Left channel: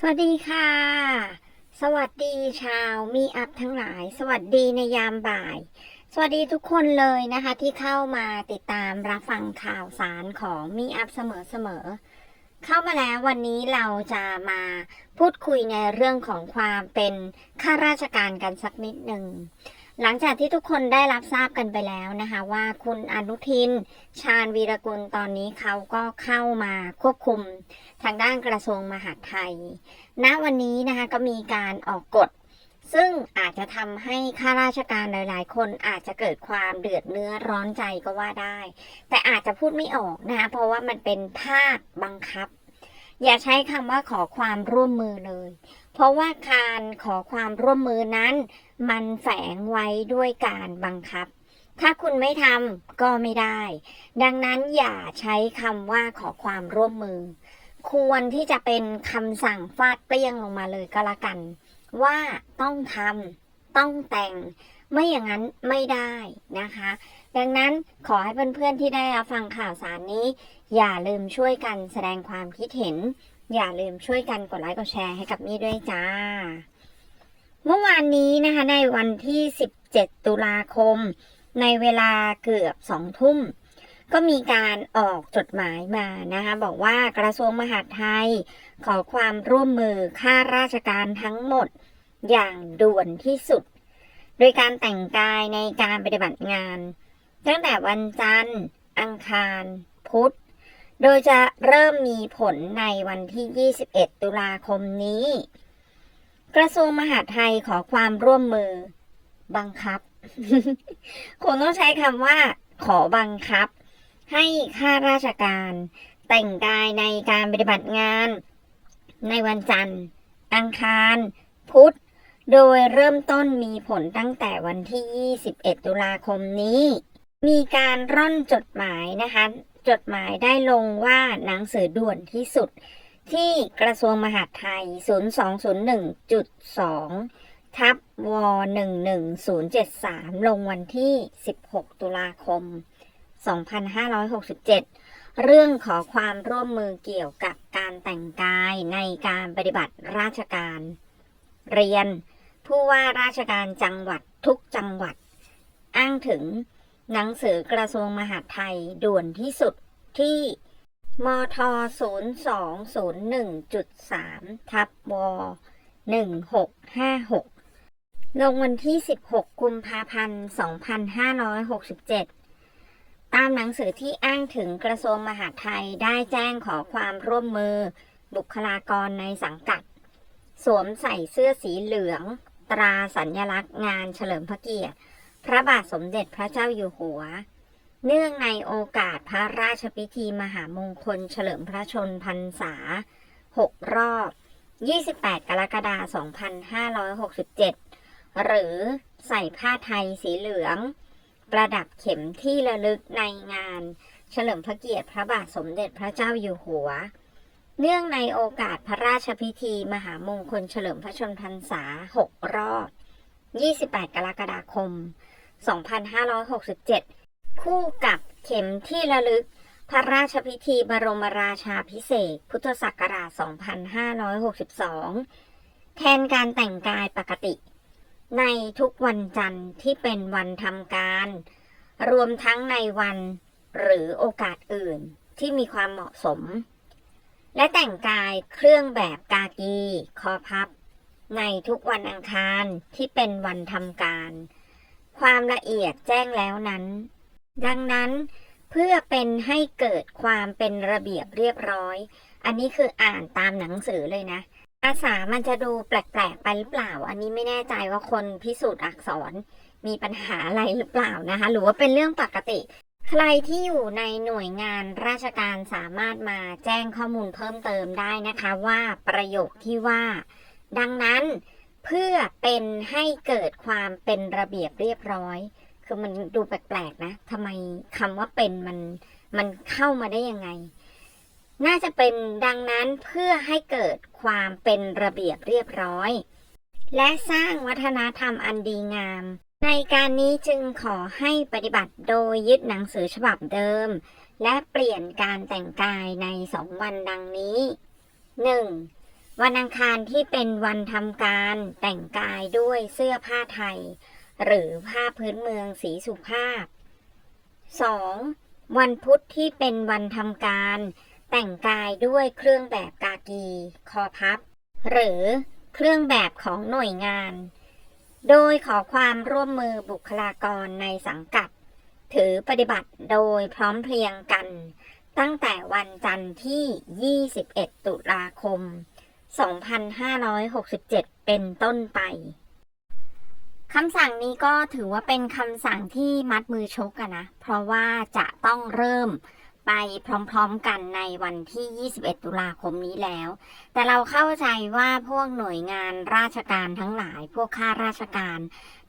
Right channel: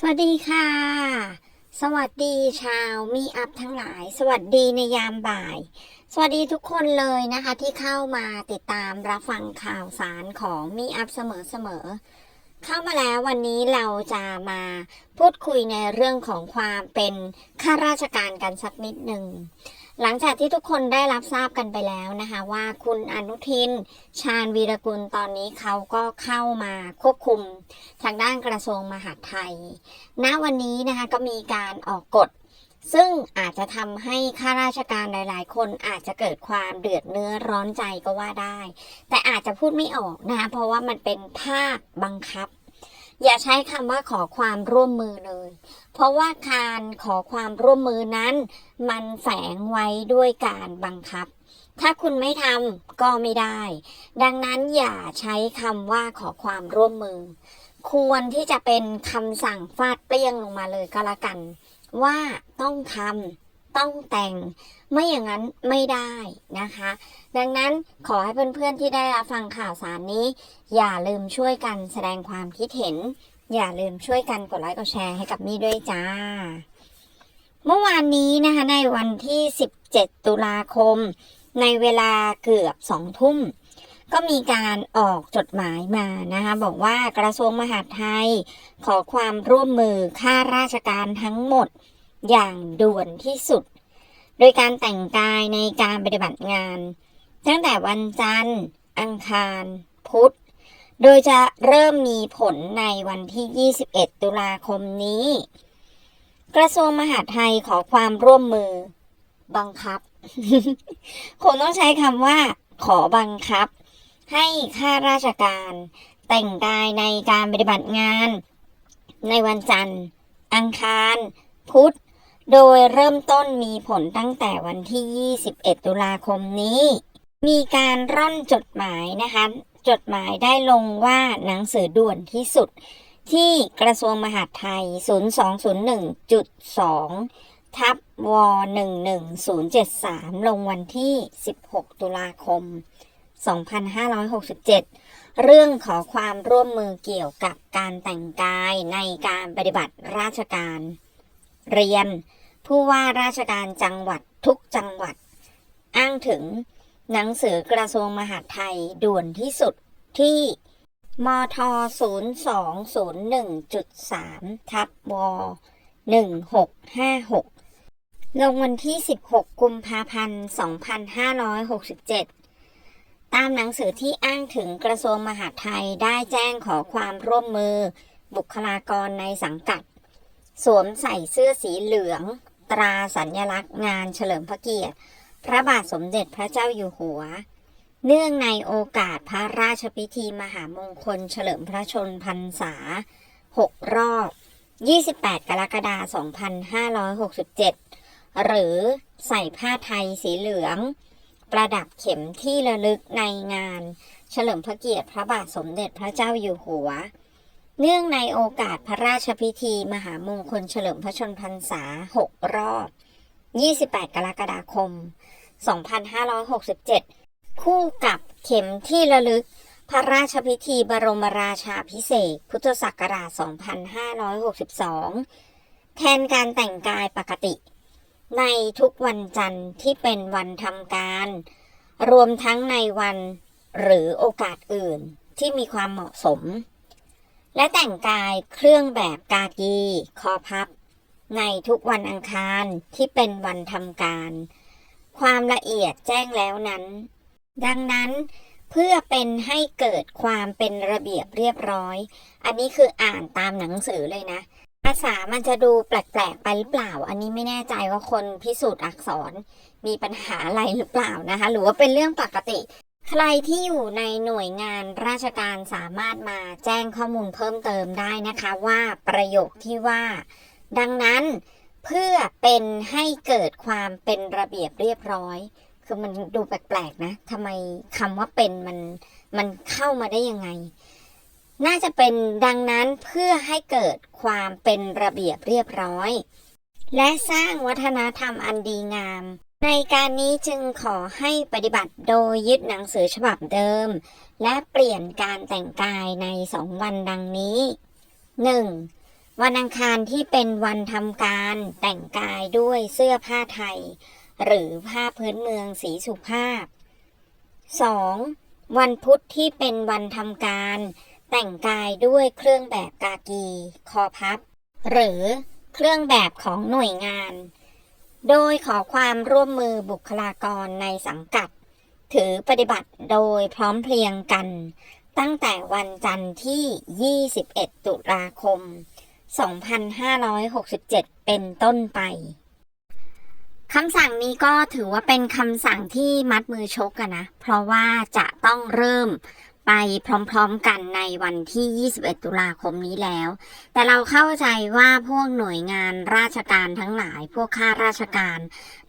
สวัสดีค่ะ สวัสดีชาวมีอัพทั้งหลาย สวัสดีในยามบ่าย สวัสดีทุกคนเลยนะคะที่เข้ามาติดตามรับฟังข่าวสารของมีอัพเสมอๆ เข้ามาแล้ววันนี้เราจะมาพูดคุยในเรื่องของความเป็นข้าราชการกันสักนิดหนึ่ง หลังจากที่ทุกคนได้รับทราบกันไปแล้วนะคะว่าคุณอนุทิน ชาญวีรกุลตอนนี้เขาก็เข้ามาควบคุมทางด้านกระทรวงมหาดไทย ณวันนี้นะคะก็มีการออกกฎ ซึ่งอาจจะทำให้ข้าราชการหลาย ๆ คนอาจจะเกิดความเดือดเนื้อร้อนใจก็ว่าได้ แต่อาจจะพูดไม่ออกนะคะเพราะว่ามันเป็นภาคบังคับ อย่าใช้คำว่าขอความร่วมมือเลย เพราะว่าการขอความร่วมมือนั้น มันแฝงไว้ด้วยการบังคับ ถ้าคุณไม่ทำก็ไม่ได้ ดังนั้นอย่าใช้คำว่าขอความร่วมมือ ควรที่จะเป็นคำสั่งฟาดเปรี้ยงลงมาเลยก็แล้วกัน ว่าต้องทำ ต้องแต่ง ไม่อย่างนั้นไม่ได้นะคะ ดังนั้นขอให้เพื่อนๆที่ได้รับฟังข่าวสารนี้ อย่าลืมช่วยกันแสดงความคิดเห็น อย่าลืมช่วยกันกดไลค์กดแชร์ให้กับมี่ด้วยจ้า เมื่อวานนี้นะคะในวันที่ 17 ตุลาคม ในเวลาเกือบสองทุ่มก็มีการออกจดหมายมานะคะ บอกว่ากระทรวงมหาดไทย ขอความร่วมมือข้าราชการทั้งหมด อย่างด่วนที่สุด โดยการแต่งกายในการปฏิบัติงาน ตั้งแต่วันจันทร์ อังคาร พุธ โดยจะเริ่มมีผลในวันที่ 21 ตุลาคมนี้ กระทรวงมหาดไทยขอความร่วมมือ บังคับคงต้องใช้คำว่า ขอบังคับ ให้ข้าราชการ แต่งกายในการปฏิบัติงาน ในวันจันทร์ อังคาร พุธ โดยเริ่มต้นมีผลตั้งแต่วันที่ 21 ตุลาคมนี้ มีการร่อนจดหมายนะคะ จดหมายได้ลงว่าหนังสือด่วนที่สุด ที่กระทรวงมหาดไทย 0201.2 ทับว11073 ลงวันที่ 16 ตุลาคม 2567 เรื่องขอความร่วมมือเกี่ยวกับการแต่งกายในการปฏิบัติราชการเรียน ผู้ว่าราชการจังหวัดทุกจังหวัด อ้างถึงหนังสือกระทรวงมหาดไทยด่วนที่สุดที่มท 0201.3 ทับว1656 ลงวันที่ 16 กุมภาพันธ์ 2567 ตามหนังสือที่อ้างถึงกระทรวงมหาดไทยได้แจ้งขอความร่วมมือบุคลากรในสังกัด สวมใส่เสื้อสีเหลือง ตราสัญลักษณ์งานเฉลิมพระเกียรติ พระบาทสมเด็จพระเจ้าอยู่หัว เนื่องในโอกาสพระราชพิธีมหามงคลเฉลิมพระชนพรรษา 6 รอบ 28 กรกฎาคม 2567 หรือใส่ผ้าไทยสีเหลือง ประดับเข็มที่ระลึกในงาน เฉลิมพระเกียรติพระบาทสมเด็จพระเจ้าอยู่หัว เนื่องในโอกาสพระราชพิธี มหามงคลเฉลิมพระชนพรรษา 6 รอบ 28 กรกฎาคม 2567 คู่กับเข็มที่ระลึก พระราชพิธีบรมราชาพิเศษ พุทธศักราช 2562 แทนการแต่งกายปกติ ในทุกวันจันทร์ที่เป็นวันทำการ รวมทั้งในวันหรือโอกาสอื่นที่มีความเหมาะสม และแต่งกายเครื่องแบบกากีคอพับ ในทุกวันอังคารที่เป็นวันทำการ ความละเอียดแจ้งแล้วนั้น ดังนั้นเพื่อเป็นให้เกิดความเป็นระเบียบเรียบร้อย อันนี้คืออ่านตามหนังสือเลยนะ ภาษามันจะดูแปลกๆไปหรือเปล่า อันนี้ไม่แน่ใจว่าคนพิสูจน์อักษรมีปัญหาอะไรหรือเปล่านะคะ หรือว่าเป็นเรื่องปกติ ใครที่อยู่ในหน่วยงานราชการสามารถมาแจ้งข้อมูลเพิ่มเติมได้นะคะว่าประโยคที่ว่า ดังนั้นเพื่อเป็นให้เกิดความเป็นระเบียบเรียบร้อย คือมันดูแปลกๆนะทำไมคำว่าเป็นมันมันเข้ามาได้ยังไง น่าจะเป็นดังนั้นเพื่อให้เกิดความเป็นระเบียบเรียบร้อย และสร้างวัฒนธรรมอันดีงาม ในการนี้จึงขอให้ปฏิบัติโดยยึดหนังสือฉบับเดิม และเปลี่ยนการแต่งกายในสองวันดังนี้ 1. วันอังคารที่เป็นวันทำการแต่งกายด้วยเสื้อผ้าไทย หรือผ้าพื้นเมืองสีสุภาพ 2. วันพุธที่เป็นวันทำการ แต่งกายด้วยเครื่องแบบกากี คอพับ หรือเครื่องแบบของหน่วยงาน โดยขอความร่วมมือบุคลากรในสังกัด ถือปฏิบัติโดยพร้อมเพรียงกัน ตั้งแต่วันจันทร์ที่ 21 ตุลาคม 2567 เป็นต้นไปคำสั่งนี้ก็ถือว่าเป็นคำสั่งที่มัดมือชกอะนะ เพราะว่าจะต้องเริ่ม ไปพร้อมๆกันในวันที่ 21 ตุลาคมนี้แล้ว แต่เราเข้าใจว่าพวกหน่วยงานราชการทั้งหลาย พวกข้าราชการ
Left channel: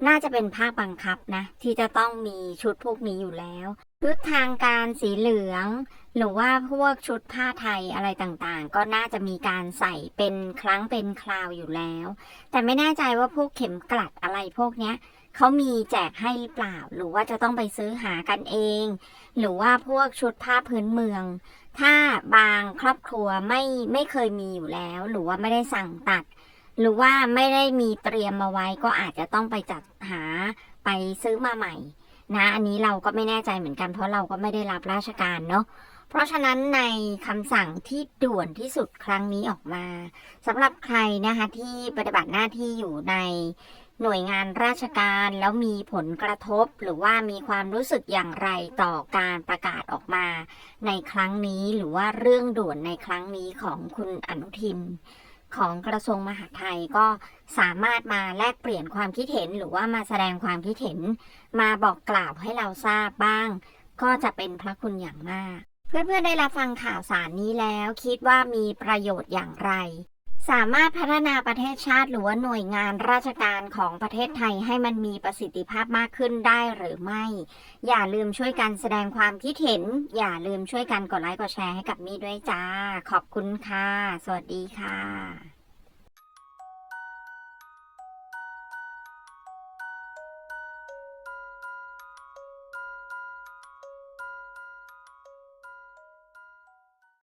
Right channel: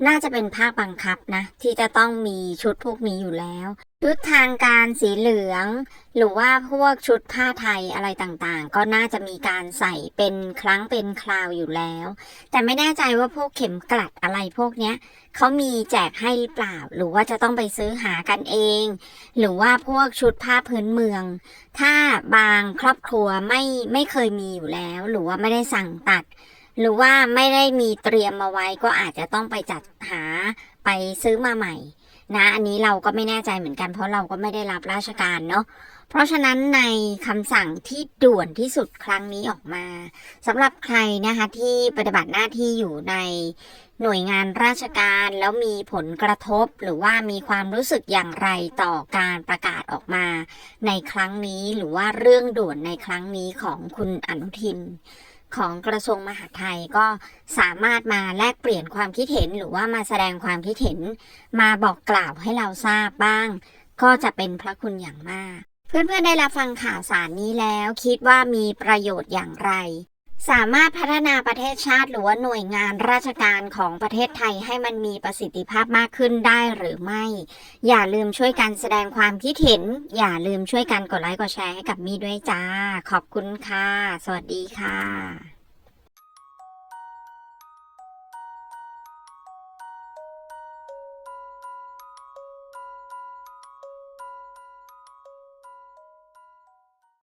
น่าจะเป็นภาคบังคับนะ ที่จะต้องมีชุดพวกนี้อยู่แล้วชุดทางการสีเหลือง หรือว่าพวกชุดผ้าไทยอะไรต่างๆ ก็น่าจะมีการใส่เป็นครั้งเป็นคราวอยู่แล้ว แต่ไม่แน่ใจว่าพวกเข็มกลัดอะไรพวกเนี้ยเขามีแจกให้หรือเปล่า หรือว่าจะต้องไปซื้อหากันเอง หรือว่าพวกชุดผ้าพื้นเมือง ถ้าบางครอบครัวไม่ไม่เคยมีอยู่แล้ว หรือว่าไม่ได้สั่งตัด หรือว่าไม่ได้มีเตรียมมาไว้ก็อาจจะต้องไปจัดหาไปซื้อมาใหม่ นะอันนี้เราก็ไม่แน่ใจเหมือนกันเพราะเราก็ไม่ได้รับราชการเนาะเพราะฉะนั้นในคำสั่งที่ด่วนที่สุดครั้งนี้ออกมาสำหรับใครนะคะที่ปฏิบัติหน้าที่อยู่ในหน่วยงานราชการแล้วมีผลกระทบหรือว่ามีความรู้สึกอย่างไรต่อการประกาศออกมาในครั้งนี้หรือว่าเรื่องด่วนในครั้งนี้ของคุณอนุทิน ของกระทรวงมหาดไทยก็สามารถมาแลกเปลี่ยนความคิดเห็น หรือว่ามาแสดงความคิดเห็น มาบอกกล่าวให้เราทราบบ้าง ก็จะเป็นพระคุณอย่างมาก เพื่อนๆได้รับฟังข่าวสารนี้แล้ว คิดว่ามีประโยชน์อย่างไร สามารถพัฒนาประเทศชาติหรือว่าหน่วยงานราชการของประเทศไทยให้มันมีประสิทธิภาพมากขึ้นได้หรือไม่ อย่าลืมช่วยกันแสดงความคิดเห็น อย่าลืมช่วยกันกดไลค์กดแชร์ให้กับมี่ด้วยจ้า ขอบคุณค่ะ สวัสดีค่ะ